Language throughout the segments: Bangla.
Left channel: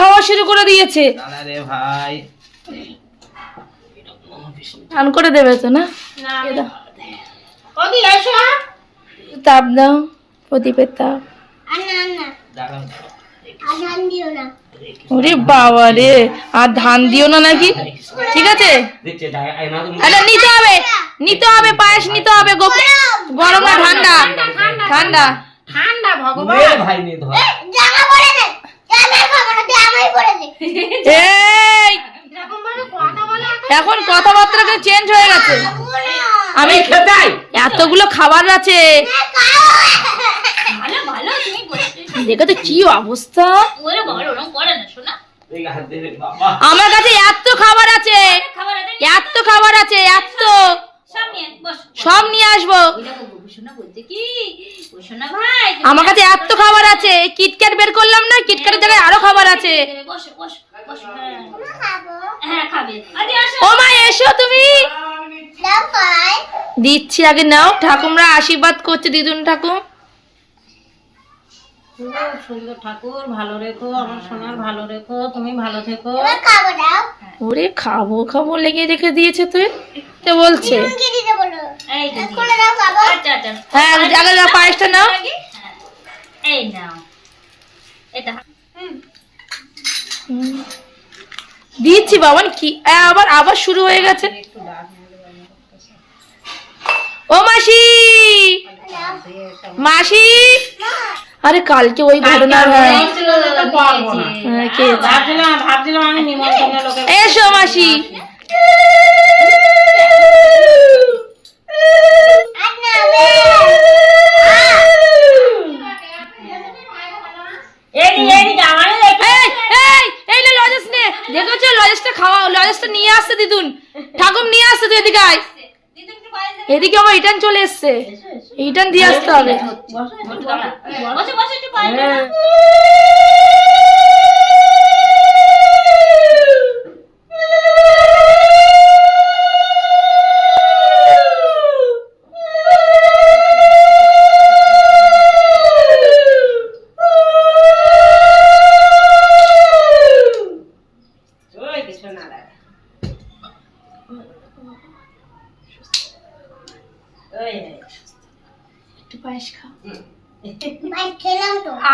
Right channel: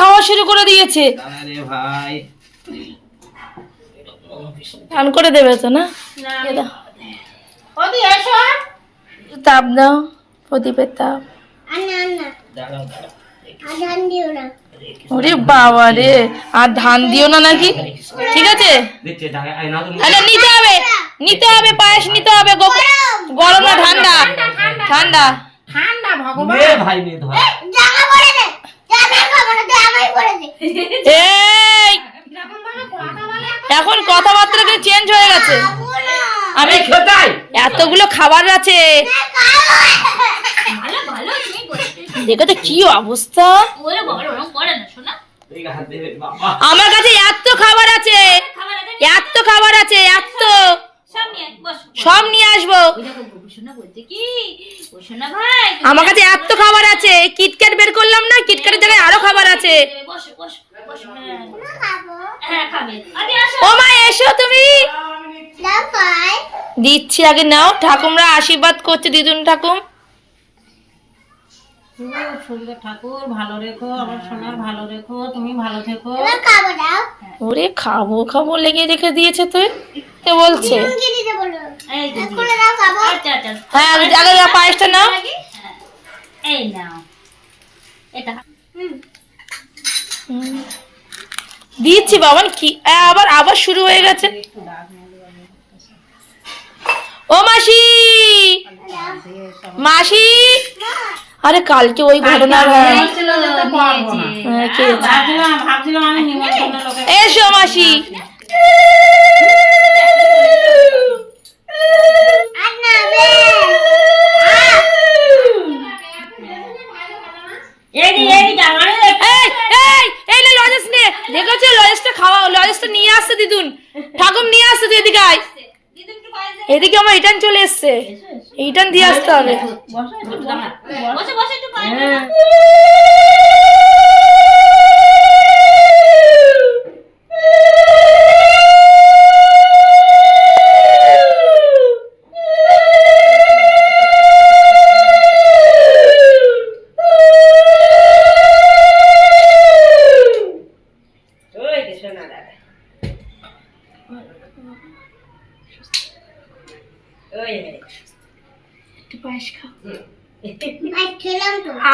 খাওয়া শুরু করে দিয়েছে। ভাই স্নান করে দেবে তো না? তাপ দাও, প্রদীপের তাপ। ওরে বাবা রে, আর ধান দিও না নাকি? ঠিক আছে, নিতে হবে, নিতে হবে, পায়েস নিতে হবে। গরম না ঠান্ডা? ঠান্ডা। ঠান্ডা ভগবান ভাই নিয়ে ধর। এই এখন কথাবার্তা চেঞ্জ হয়ে গেছে। আমি এতগুলো খাবার আছে, দেখো তো কি অবস্থা। আমার কাছে এত খাবার আছে, এত খাবার আছে, এত সব নিয়ে আসবো। আমার কাছে এত খাবার আছে, কিটক্যাট বের করলাম না, কিটক্যাটের জায়গায় আরো খাবার আছে। ও মা এসো, তুমি দিচ্ছি, আগে নাও। ঠাকুমরা আশীর্বাদ করছে, দিদুন ঠাকুর। সুন্দর ঠাকুর ভালো রেখো, আমার সোনার ভালো রেখো, তুমি ভালো থেকো। ওরে খাবো খাবো লেগে রেখে দিয়েছে তুই তো বলছে। হ্যাঁ আগে পায়েসটা নাও। এই নাও এটা। দিচ্ছি বাবা। কি আবার আবার শুরু হয়ে গেছে। ও মাসি, মাসি, আরে কালকে ওই ঘটনার এসো মাসি। দেখেছো লজেসটা খাওয়া, লজেসটা নিয়ে আসছে দিদুন ঠাকুর, নিয়ে আসছে। তুই এদিকে আয়, এদিকে আমার রিটার্ন চলে এসছে, রিটার্ন দিয়ে আসতে হবে।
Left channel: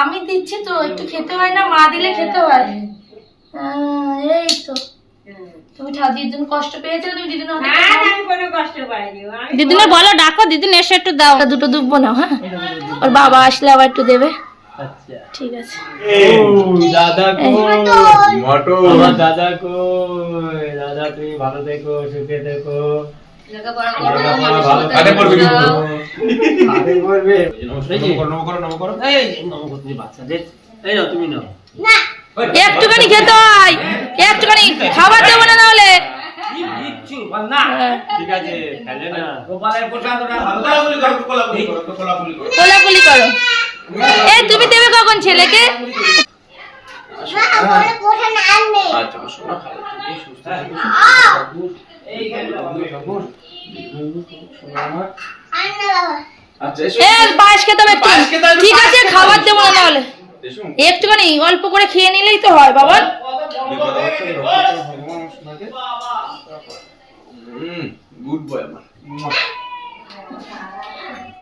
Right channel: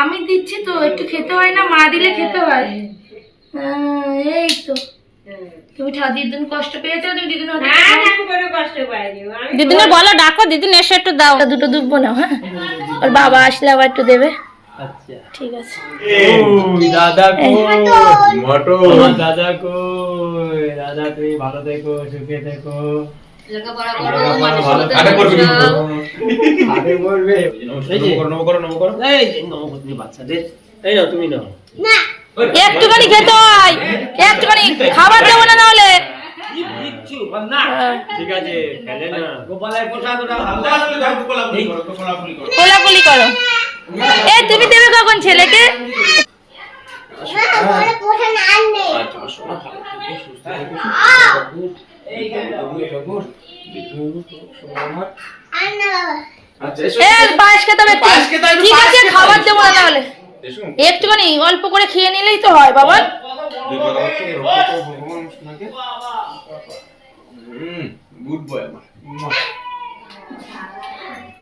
আমি দিচ্ছি তো, একটু খেতে হয় না? মা দিলে খেতে হয়। এই তো তুমি দিদুন কষ্ট পেয়েছো, তুমি দিদুন দিদুনে বলো ডাকো, দিদুন এসে একটু দাও। দুটো দুব্বো নাও। হ্যাঁ, ওর বাবা আসলে আবার একটু দেবে। আচ্ছা ঠিক আছে। দাদা কই মটর, দাদা কই? দাদা তুমি ভালো থেকো, সুখে থেকো। একটুখানি খেতে হয়, একটুখানি খাবার দেবো না নাহলে। ঠিক আছে, খেলে না। কোলাকুলি করো। এই তুমি দেবে কখন ছেলেকে? পায়েস খেতে হবে। ঠিক আছে, খাবার দেবো না তাহলে। একটুখানি অল্প করে খেয়ে নিলেই তো হয় বাবা। গুড বয় আমার।